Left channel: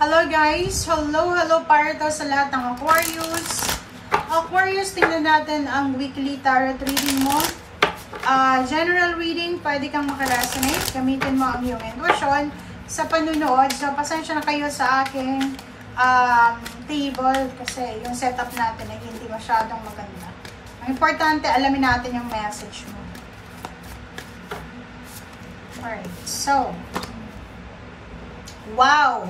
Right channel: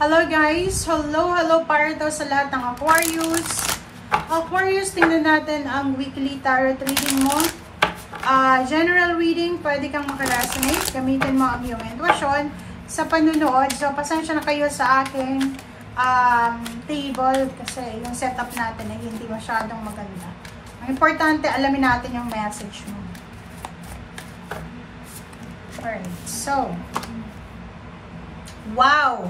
Hello guys! Hello para daw sa lahat ng Aquarius. Aquarius, tingnan natin ang weekly tarot reading mo. General reading, pwede kang makaresonate. Gamitin mo ang iyong intuition sa panunood. So, pasensya na kayo sa aking table kasi yung setup natin ay hindi masyadong maganda. Ang importante, alamin natin yung message mo. Alright, so, wow!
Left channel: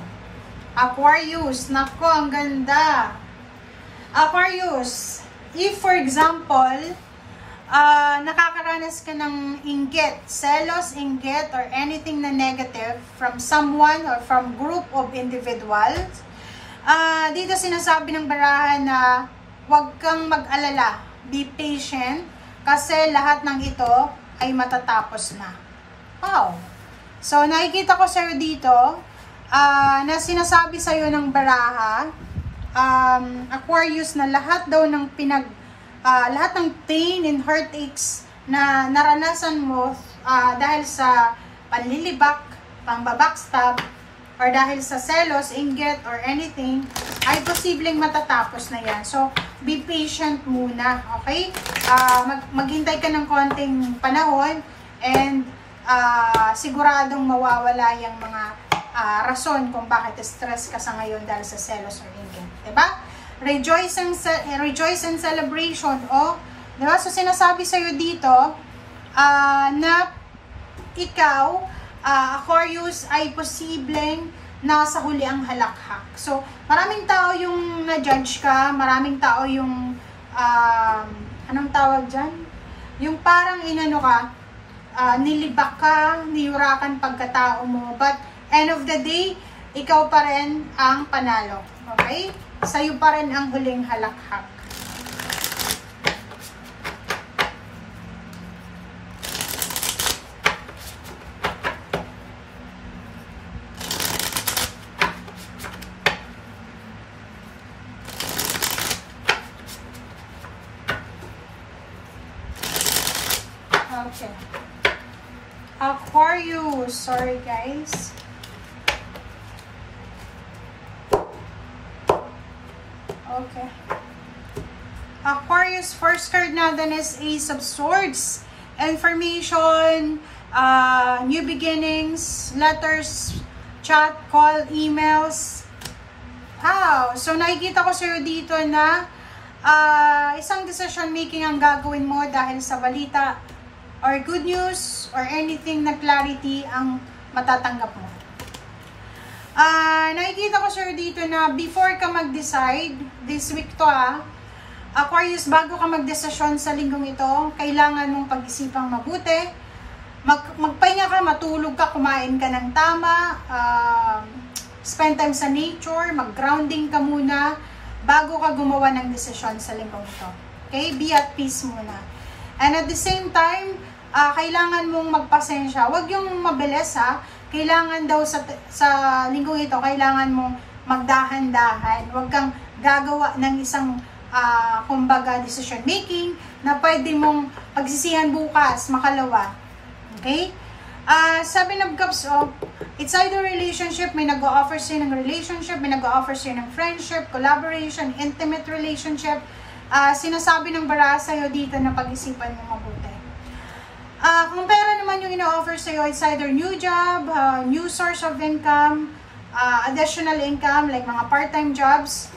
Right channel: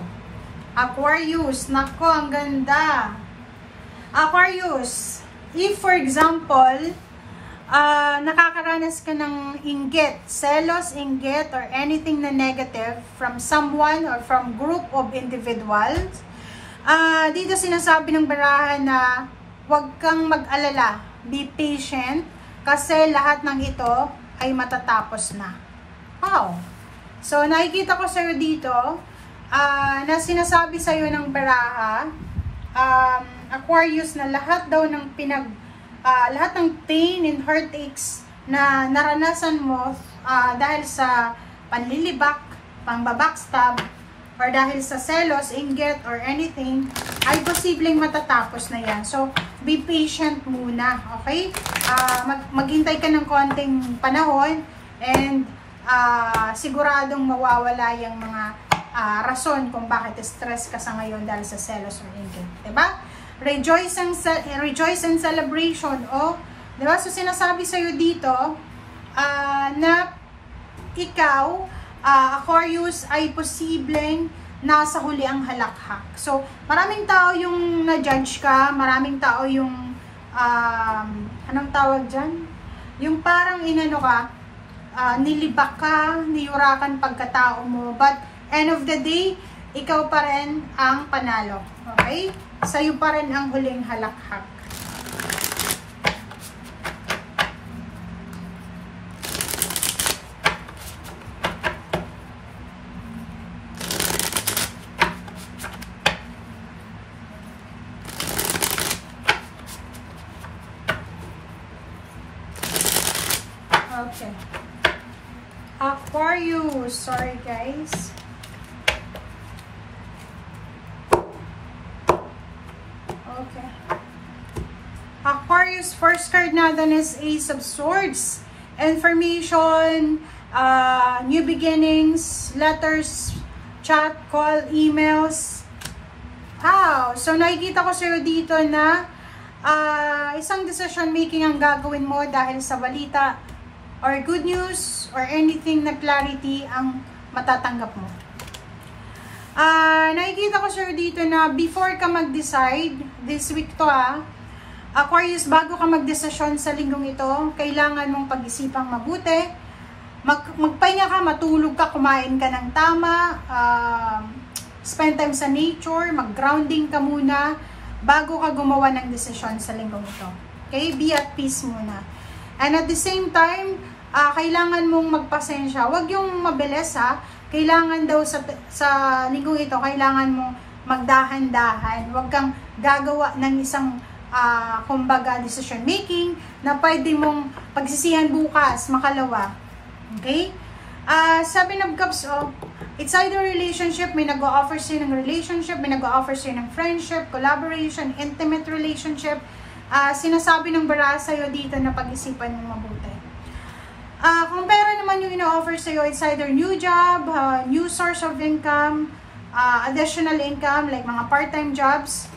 Aquarius, nako, ang ganda. Aquarius, if for example, nakakaranas ka ng inggit, selos, inggit, or anything na negative from someone or from group of individuals, dito sinasabi ng barahan na huwag kang mag-alala, be patient, kasi lahat ng ito ay matatapos na. Wow! So, nakikita ko sa'yo dito, na sinasabi sa'yo ng baraha, Aquarius, na lahat daw ng lahat ng pain and heartaches na naranasan mo dahil sa panlilibak, pangbabackstab, or dahil sa selos, inggit, or anything, ay posibleng matatapos na yan. So, be patient muna, okay? Maghintay ka ng konting panahon and siguradong mawawala yung mga rason kung bakit stress ka sa ngayon dahil sa selos or inggit. Diba? Rejoice and celebration. Diba? So, sinasabi sa'yo dito na ikaw, Aquarius, ay posibleng nasa huli ang halakhak. So, maraming tao yung na-judge ka, maraming tao yung anong tawag dyan? Yung parang inano ka, nilibak ka, niyurakan pagkatao mo, but end of the day, ikaw pa rin ang panalo. Okay? Sa'yo pa rin ang huling halakhak. Okay. Aquarius. Sorry guys. Okay. Aquarius, first card natin is Ace of Swords. Information, new beginnings, letters, chat, call, emails. Wow! So, nakikita ko sa'yo dito na isang decision making ang gagawin mo dahil sa balita or good news or anything na clarity ang matatanggap mo. Nakikita ko sir dito na before ka mag-decide, this week to Aquarius, bago ka mag-desisyon sa linggong ito, kailangan mong pag-isipang mabuti, magpahinga ka, matulog ka, kumain ka ng tama, spend time sa nature, mag-grounding ka muna, bago ka gumawa ng desisyon sa linggong ito. Okay? Be at peace muna. And at the same time, kailangan mong magpasensya. Huwag yung mabilis kailangan daw sa linggong ito, kailangan mong magdahan-dahan. Huwag kang gagawa ng isang, kumbaga, decision making na pwede mong pagsisihan bukas, makalawa. Okay? Seven of Cups, it's either relationship, may nag-o-offer sa'yo ng relationship, may nag-o-offer sa'yo ng friendship, collaboration, intimate relationship. Sinasabi ng baraha sa'yo dito na pag-isipan mong mabuti. Kung pera naman yung ina-offer sa'yo, it's either new job, new source of income, additional income, like mga part-time jobs.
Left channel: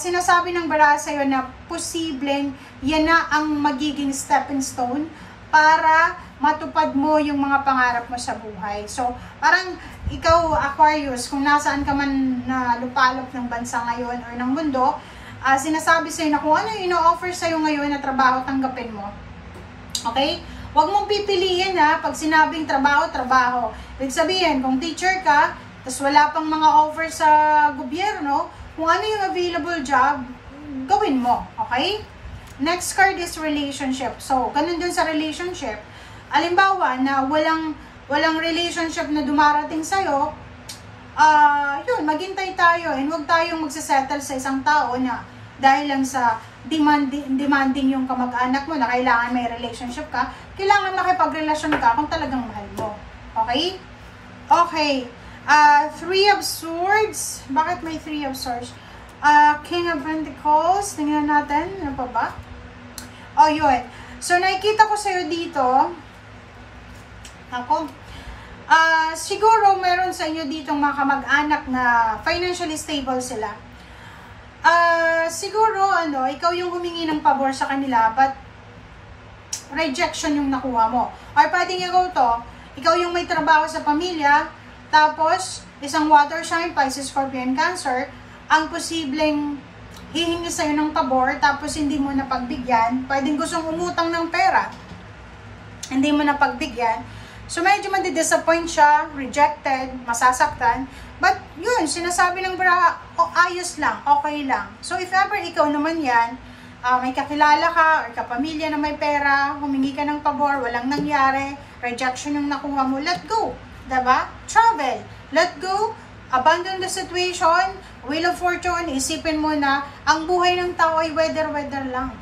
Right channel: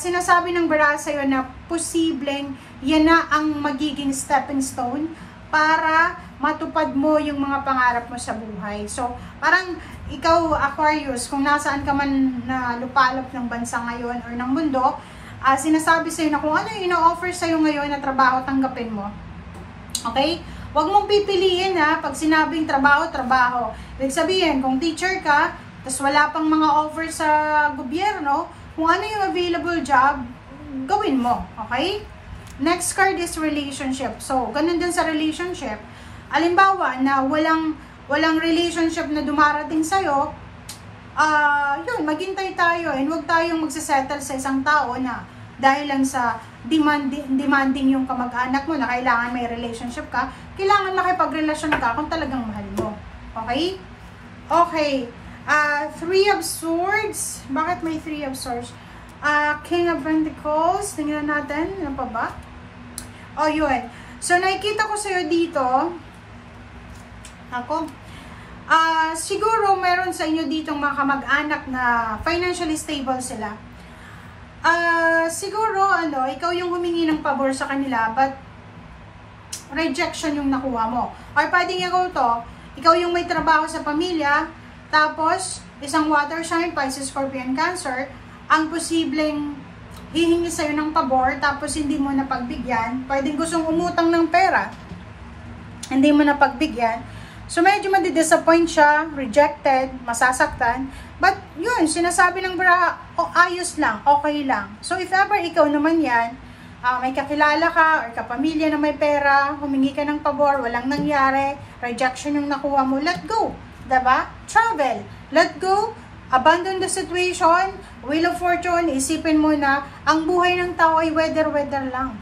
Sinasabi ng baraha sa'yo na posibleng yan na ang magiging stepping stone para matupad mo yung mga pangarap mo sa buhay. So, parang ikaw, Aquarius, kung nasaan ka man na lupalop ng bansa ngayon or ng mundo, sinasabi sa'yo na kung ano yung ina-offer sa'yo ngayon na trabaho, tanggapin mo. Okay? Huwag mong pipiliin pag sinabing trabaho, trabaho. Ibig sabihin, kung teacher ka, tas wala pang mga offer sa gobyerno, kung ano yung available job, gawin mo. Okay? Next card is relationship. So, ganun din sa relationship. Alimbawa, na walang relationship na dumarating sa'yo, yun, maghintay tayo and huwag tayong magsasettle sa isang tao na dahil lang sa demanding yung kamag-anak mo na kailangan may relationship ka, kailangan makipagrelasyon ka kung talagang mahal mo. Okay? Okay. Three of Swords. Bakit may Three of Swords? King of Pentacles. Tingnan natin. Ano pa ba? Oh, yun. So, nakikita ko sa'yo dito. Ako. Siguro, meron sa inyo ditong mga kamag-anak na financially stable sila. Siguro, ikaw yung humingi ng pabor sa kanila, but rejection yung nakuha mo. Or pwedeng ikaw yung may trabaho sa pamilya, tapos, isang water sign, Pisces, Scorpio, and Cancer, ang posibleng hihingi sa'yo ng pabor, tapos hindi mo napagbigyan. Pwedeng gustong umutang ng pera, hindi mo napagbigyan. So, medyo madi-disappoint siya, rejected, masasaktan. But, yun, sinasabi ng bra, ayos lang, okay lang. So, if ever ikaw naman yan, may kakilala ka, or kapamilya na may pera, humingi ka ng pabor, walang nangyari, rejection yung nakuha mo, let go. Diba? Travel. Let go. Abandon the situation. Wheel of Fortune. Isipin mo na ang buhay ng tao ay weather lang.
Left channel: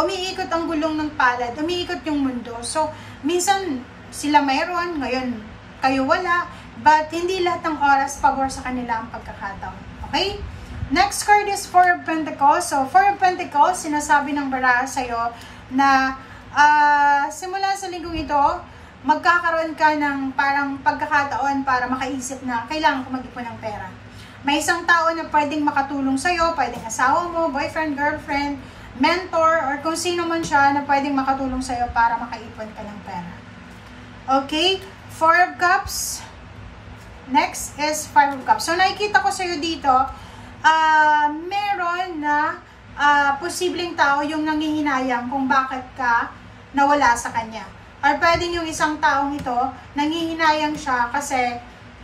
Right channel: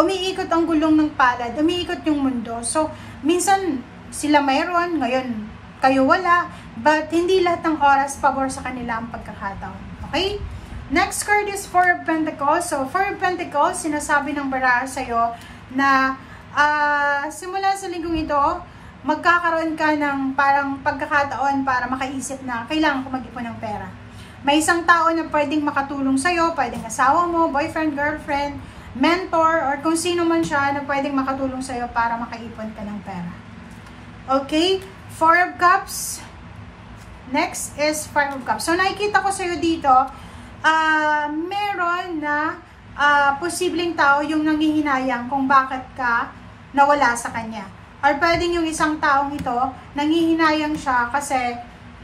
Umiikot ang gulong ng palad. Umiikot yung mundo. So, minsan sila mayroon, ngayon kayo wala. But, hindi lahat ng oras pabor sa kanila ang pagkakataon. Okay? Next card is Four of Pentacles. So, Four of Pentacles, sinasabi ng baraha sa'yo na simula sa linggong ito, magkakaroon ka ng parang pagkakataon para makaisip na kailangan ko mag-ipon ng pera. May isang tao na pwedeng makatulong sa'yo, pwedeng asawa mo, boyfriend, girlfriend, mentor, or kung sino man siya na pwedeng makatulong sa'yo para makaipon ka ng pera. Okay? Four of Cups. Next is Five of Cups. So, nakikita ko sa'yo dito, meron na posibleng tao yung nangihinayang kung bakit ka nawala sa kanya. Or pwedeng yung isang taong ito, nangihinayang siya kasi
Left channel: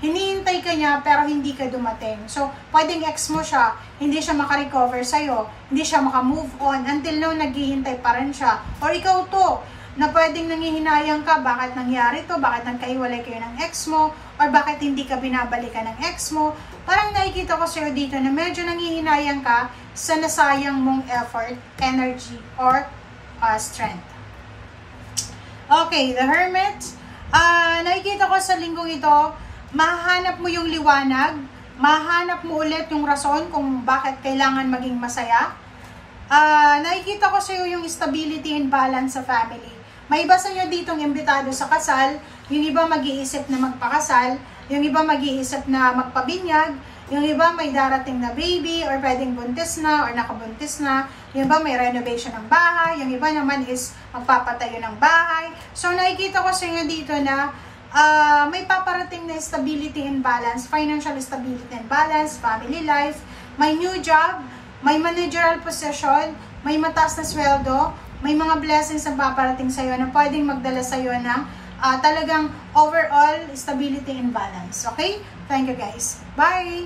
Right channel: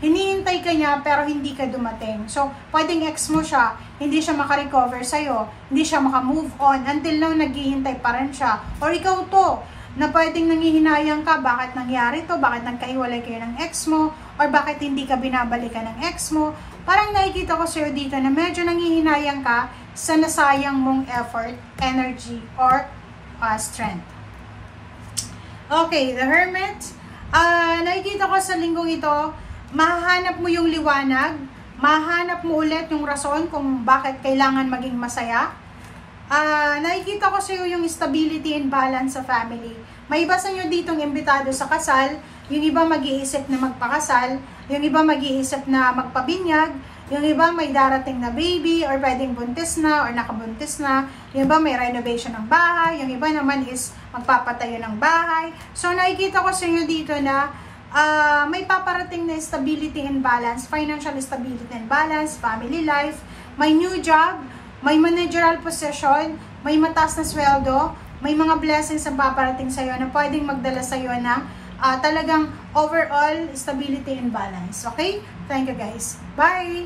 hinihintay ka niya pero hindi ka dumating. So, pwedeng ex mo siya, hindi siya makarecover sa'yo, hindi siya makamove on until now naghihintay pa rin siya. Or ikaw to, na pwedeng nangihinayang ka, bakit nangyari to, bakit nagkaiwalay kayo ng ex mo, or bakit hindi ka binabalikan ng ex mo. Parang nakikita ko sa'yo dito na medyo nangihinayang ka sa nasayang mong effort, energy, or strength. Okay, the Hermit. Nakikita ko sa linggong ito, mahanap mo yung liwanag, mahanap mo ulit yung rason kung bakit kailangan maging masaya. Nakikita ko sa iyo yung stability and balance sa family. May iba sa inyo ditong imbitado sa kasal, yung iba mag-iisip na magpakasal, yung iba mag-iisip na magpabinyag, yung iba may darating na baby, or pwedeng buntis na, or nakabuntis na, yung iba may renovation ng bahay, yung iba naman is magpapatayo ng bahay. So, nakikita ko sa inyo dito na may paparating na stability and balance, financial stability and balance, family life, may new job, may managerial position, may mataas na sweldo, may mga blessings ang paparating sa iyo na pwedeng magdala sa iyo ng talagang overall stability and balance. Okay? Thank you guys. Bye!